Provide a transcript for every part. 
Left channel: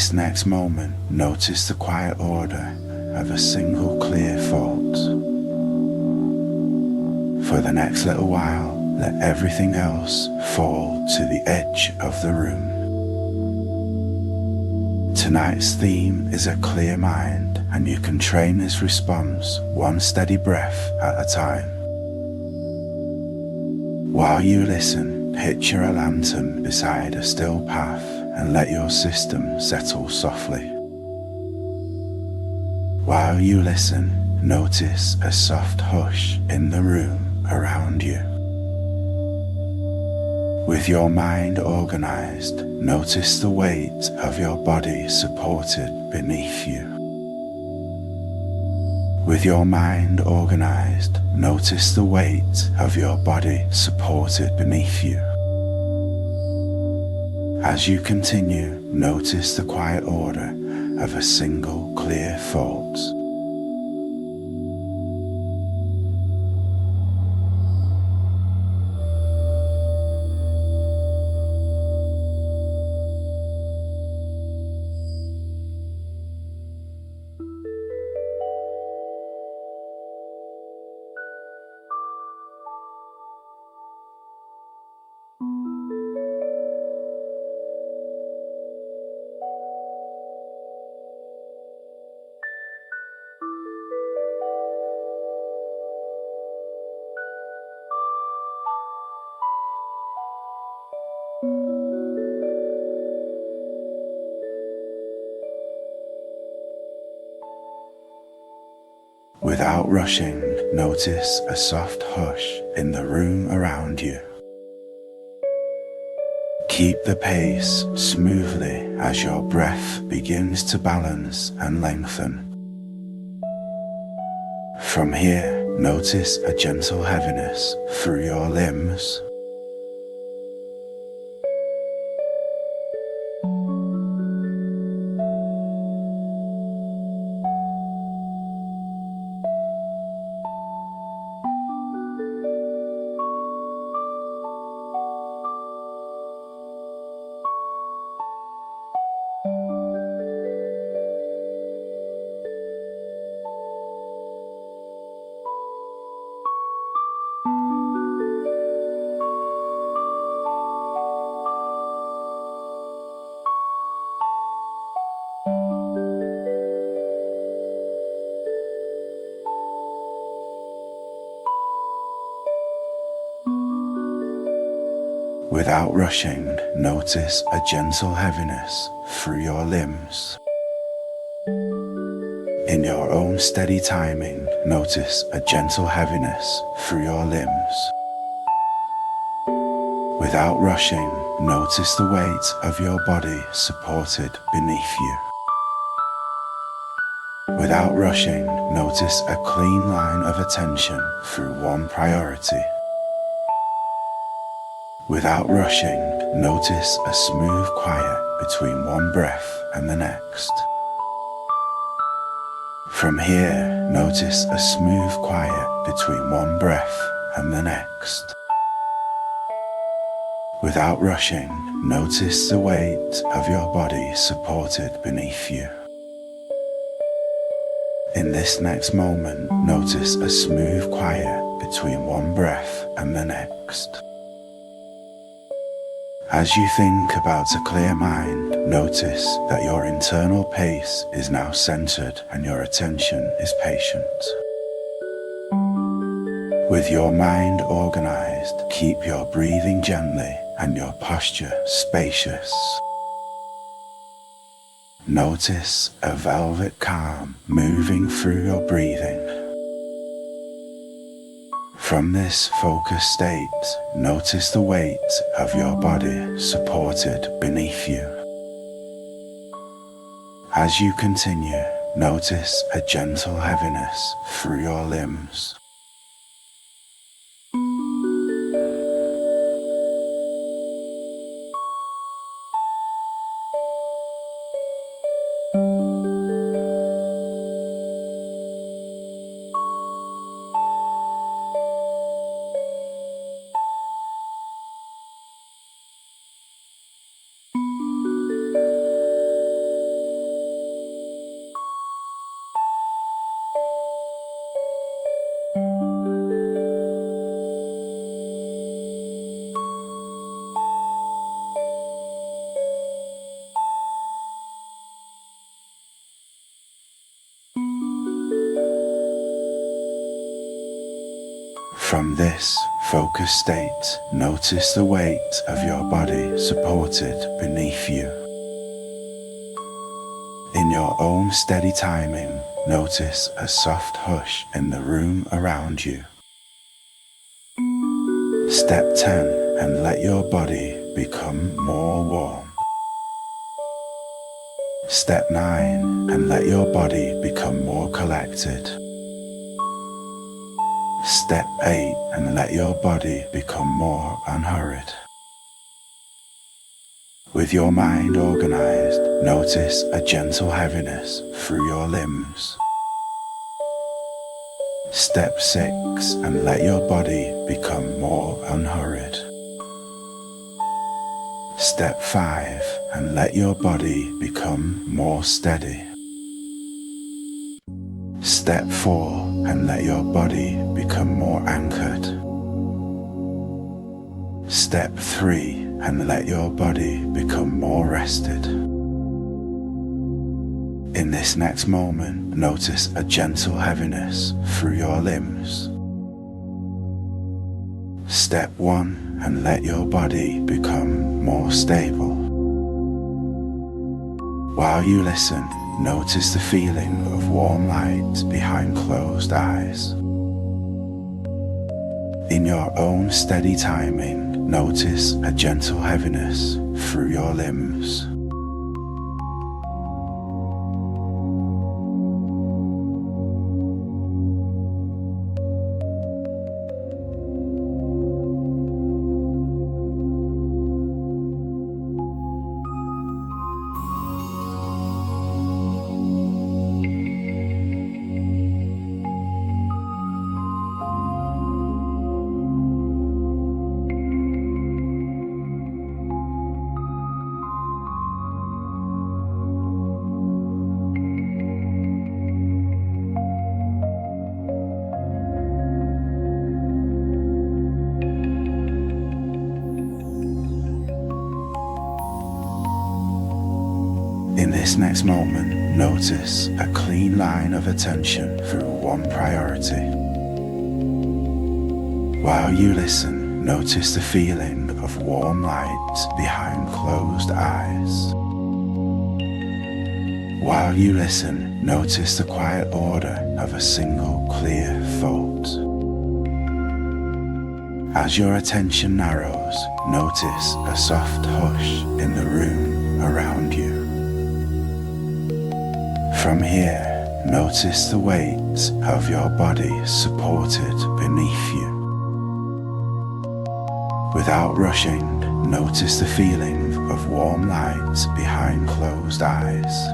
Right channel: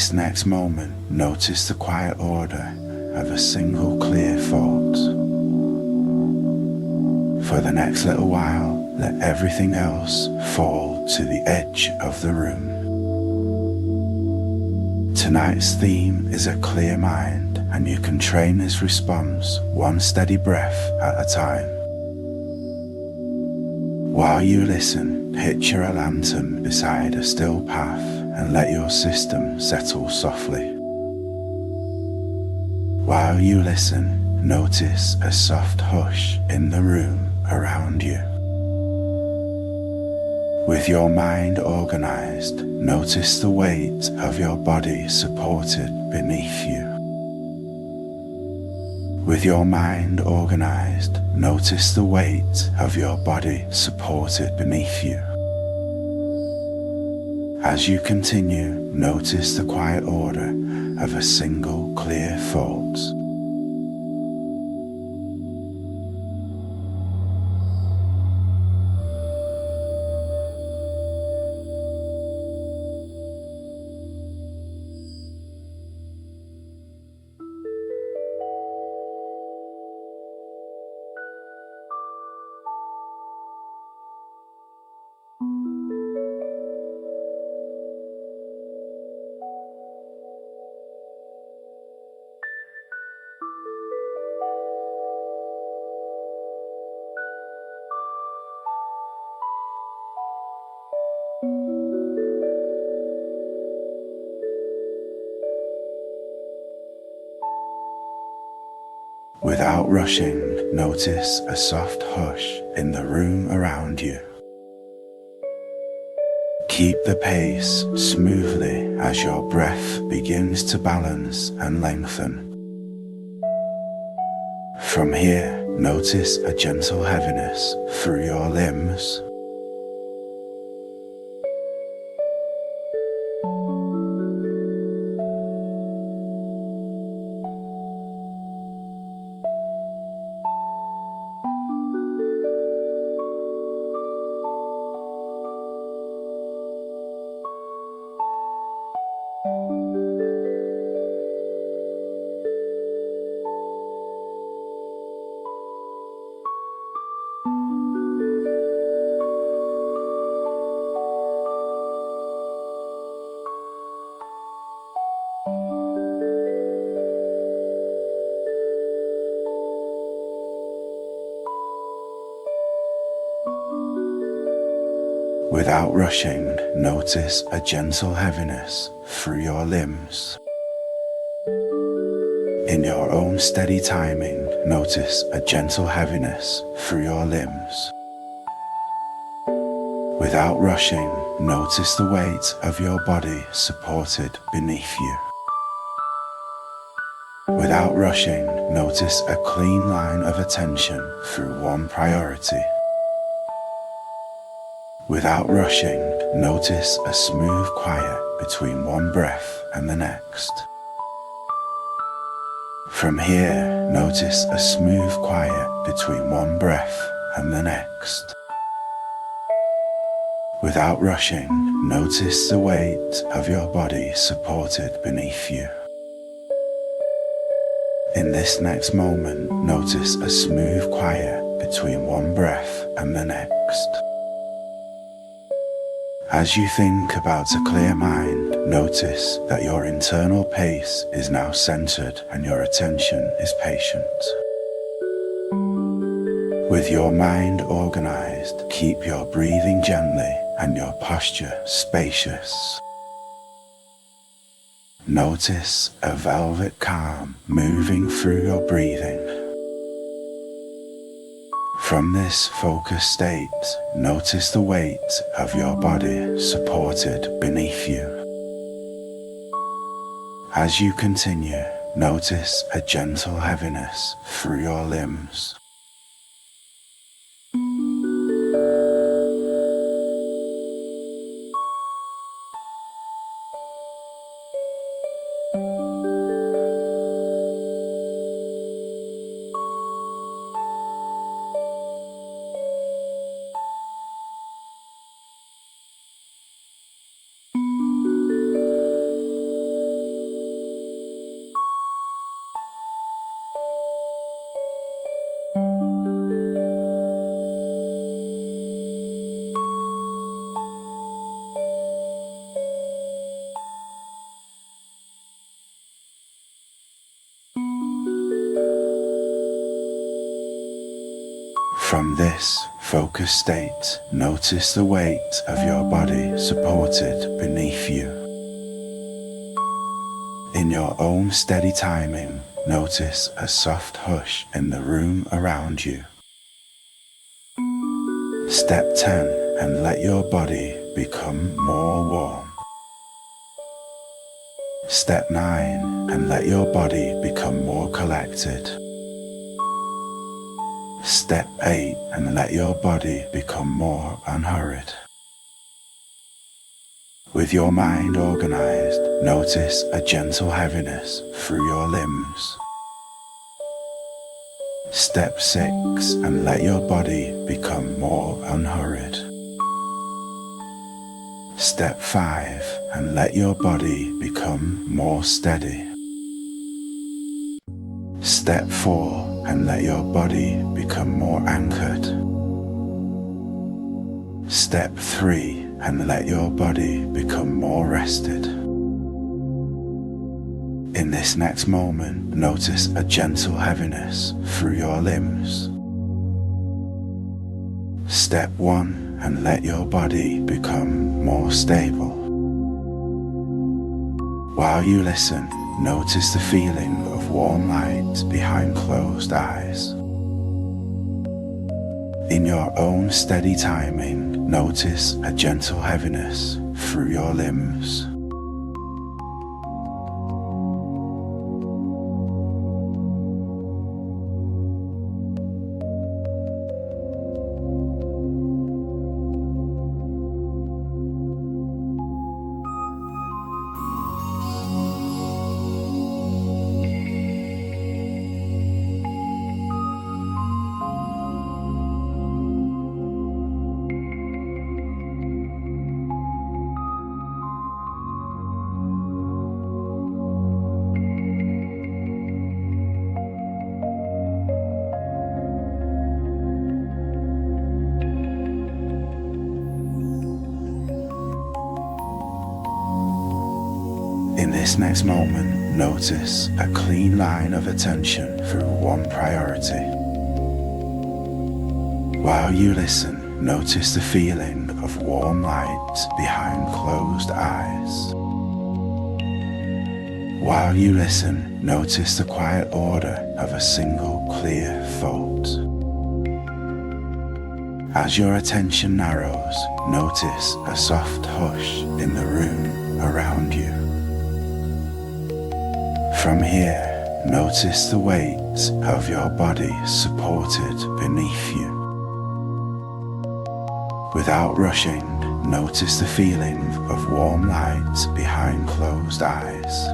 this next moment, notice the quiet order of a single clear thought. For the next little while, let everything else fall to the edge of the room. Tonight's theme is a clear mind, and you can train this response one steady breath at a time. While you listen, picture a lantern beside a still path and let your system settle softly. While you listen, notice a soft hush in the room around you. With your mind organized, notice the weight of your body supported beneath you. With your mind organized, notice the weight of your body supported beneath you. As you continue, notice the quiet order of a single clear thought. Without rushing, notice a soft hush in the room around you. Keep the pace smoothly as your breath begins to balance and lengthen. From here, notice a gentle heaviness through your limbs. Without rushing, notice a gentle heaviness through your limbs. In your own steady timing, notice a gentle heaviness through your limbs. Without rushing, notice the weight of your body supported beneath you. Without rushing, notice a clean line of attention through one priority. Without rushing, notice a smooth quiet between one breath and the next. From here, notice a smooth quiet between one breath and the next. Without rushing, notice the weight of your body supported beneath you. In this next moment, notice a smooth quiet between one breath and the next. As you think about a clear mind, notice that your internal pace is now centered and your attention is patient. With your mind organized, keep your breathing gently and your posture spacious. Notice a velvet calm moving through your breathing. From this focused state, notice the weight of your body supported beneath you. As you continue, notice a gentle heaviness through your limbs. From this focused state, notice the weight of your body supported beneath you. In your own steady timing, notice a soft hush in the room around you. Step 10, and let your body become more warm. Step 9, and let your body become more collected. Step 8, and let your body become more unhurried. With your mind organized, notice a gentle heaviness through your limbs. Step 6, and let your body become more unhurried. Step 5, and let your body become more steady. Step 4, and let your body become more anchored. Step 3, and let your body become more rested. In this next moment, notice a gentle heaviness through your limbs. Step 1, and let your body become more stable. While you listen, notice the feeling of warm light behind closed eyes. In your own steady timing, notice a gentle heaviness through your limbs. In this next moment, notice a clean line of attention through one priority. While you listen, notice the feeling of warm light behind closed eyes. While you listen, notice the quiet order of a single clear thought. As your attention narrows, notice a soft hush in the room around you. From here, notice the weight of your body supported beneath you. Without rushing, notice the feeling of warm light behind closed eyes.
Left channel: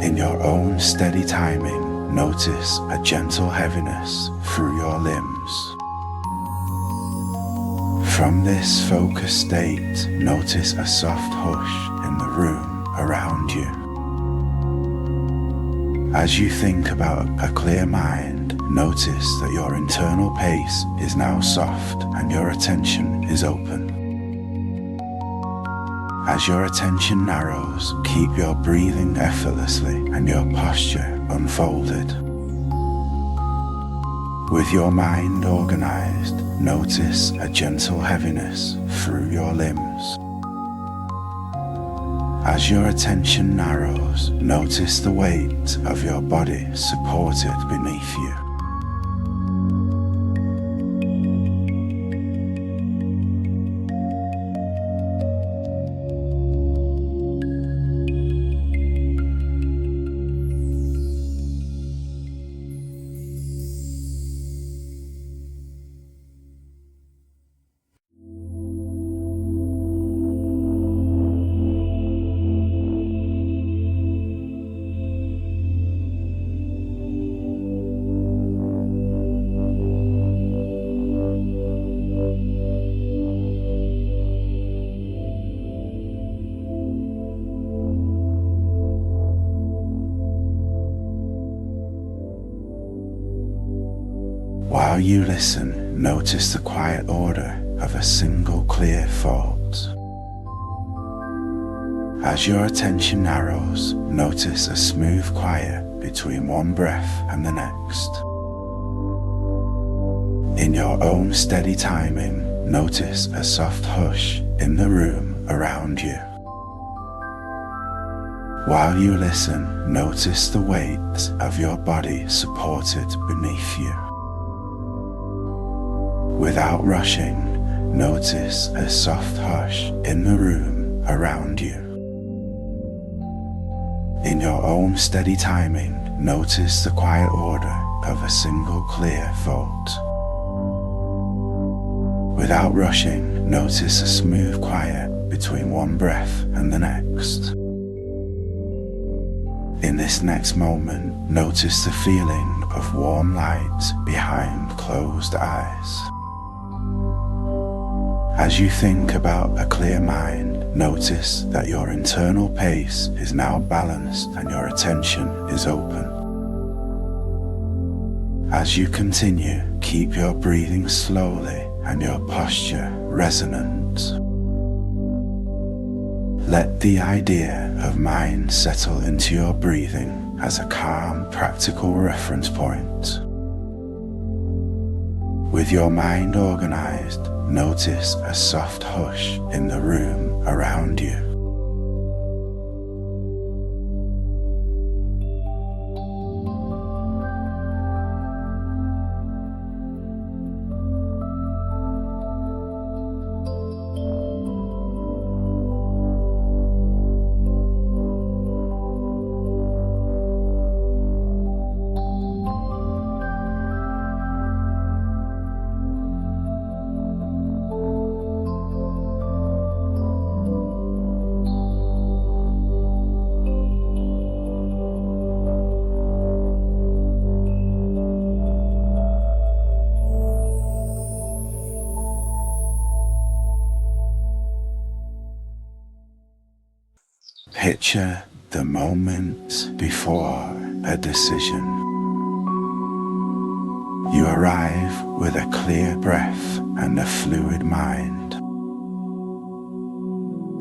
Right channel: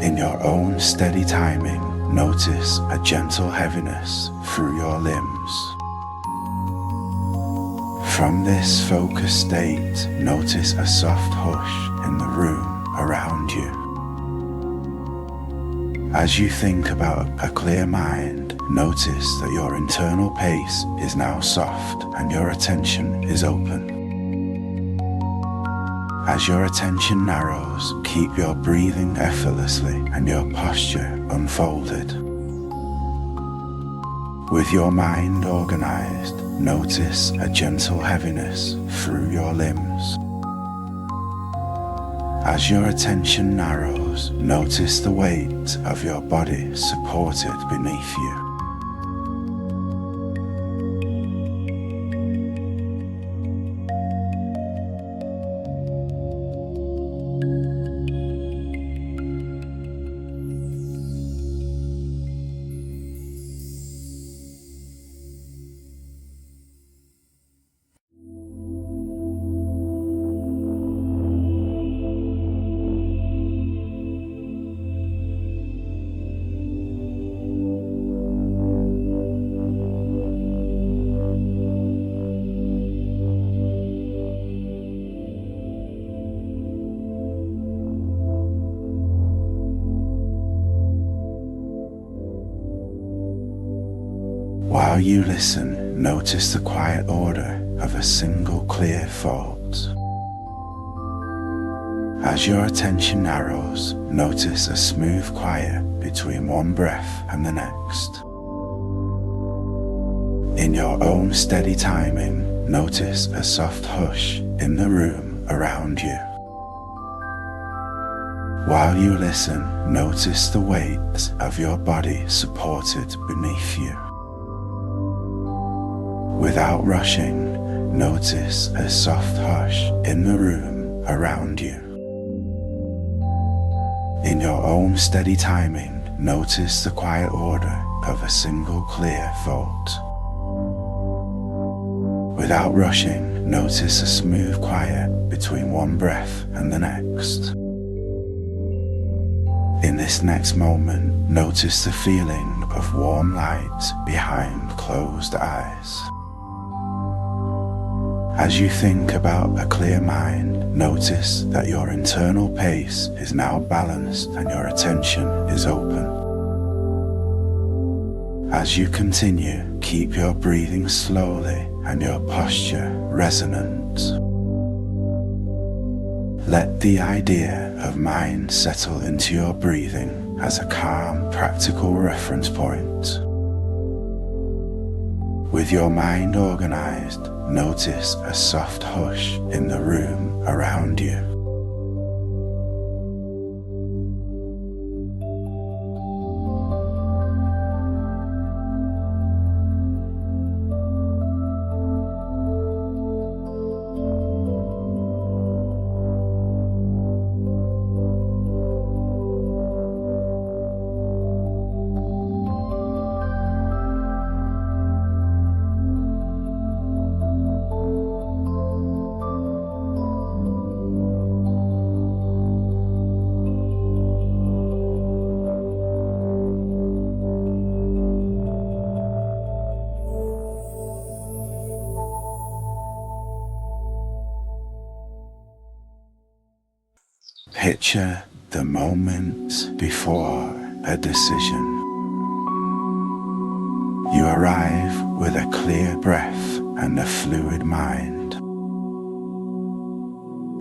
In your own steady timing, notice a gentle heaviness through your limbs. From this focused state, notice a soft hush in the room around you. As you think about a clear mind, notice that your internal pace is now soft and your attention is open. As your attention narrows, keep your breathing effortlessly and your posture unfolded. With your mind organized, notice a gentle heaviness through your limbs. As your attention narrows, notice the weight of your body supported beneath you. While you listen, notice the quiet order of a single clear thought. As your attention narrows, notice a smooth quiet between one breath and the next. In your own steady timing, notice a soft hush in the room around you. While you listen, notice the weight of your body supported beneath you. Without rushing, notice a soft hush in the room around you. In your own steady timing, notice the quiet order of a single clear thought. Without rushing, notice a smooth quiet between one breath and the next. In this next moment, notice the feeling of warm light behind closed eyes. As you think about a clear mind, notice that your internal pace is now balanced and your attention is open. As you continue, keep your breathing slowly and your posture resonant. Let the idea of mind settle into your breathing as a calm, practical reference point. With your mind organized, notice a soft hush in the room around you. Picture the moment before a decision. You arrive with a clear breath and a fluid mind.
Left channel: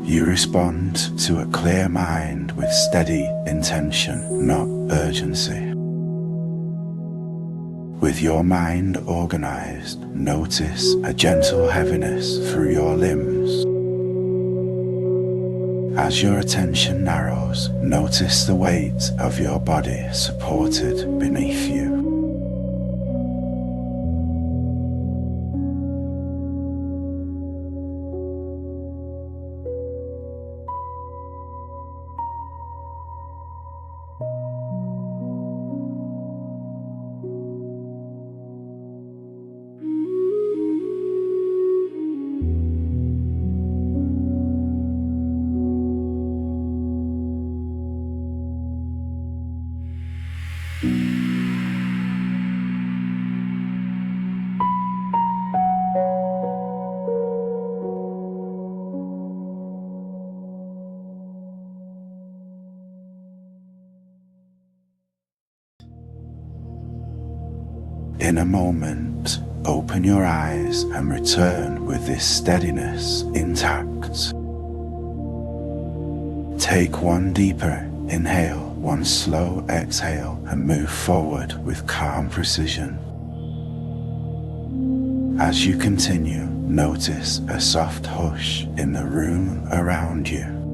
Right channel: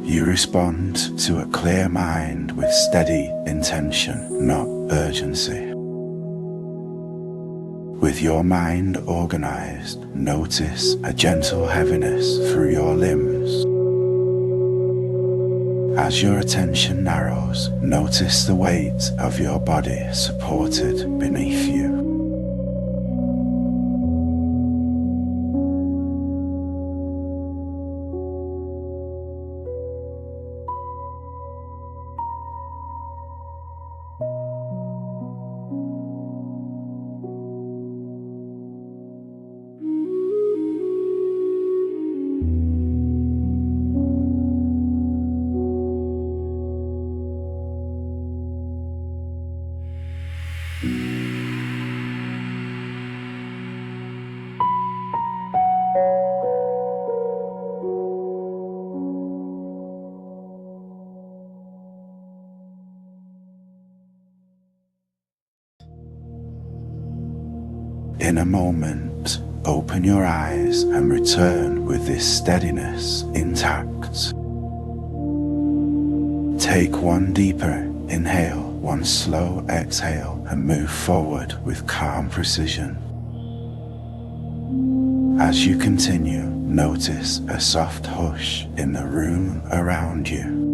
You respond to a clear mind with steady intention, not urgency. With your mind organized, notice a gentle heaviness through your limbs. As your attention narrows, notice the weight of your body supported beneath you. In a moment, open your eyes and return with this steadiness intact. Take one deeper inhale, one slow exhale, and move forward with calm precision. As you continue, notice a soft hush in the room around you.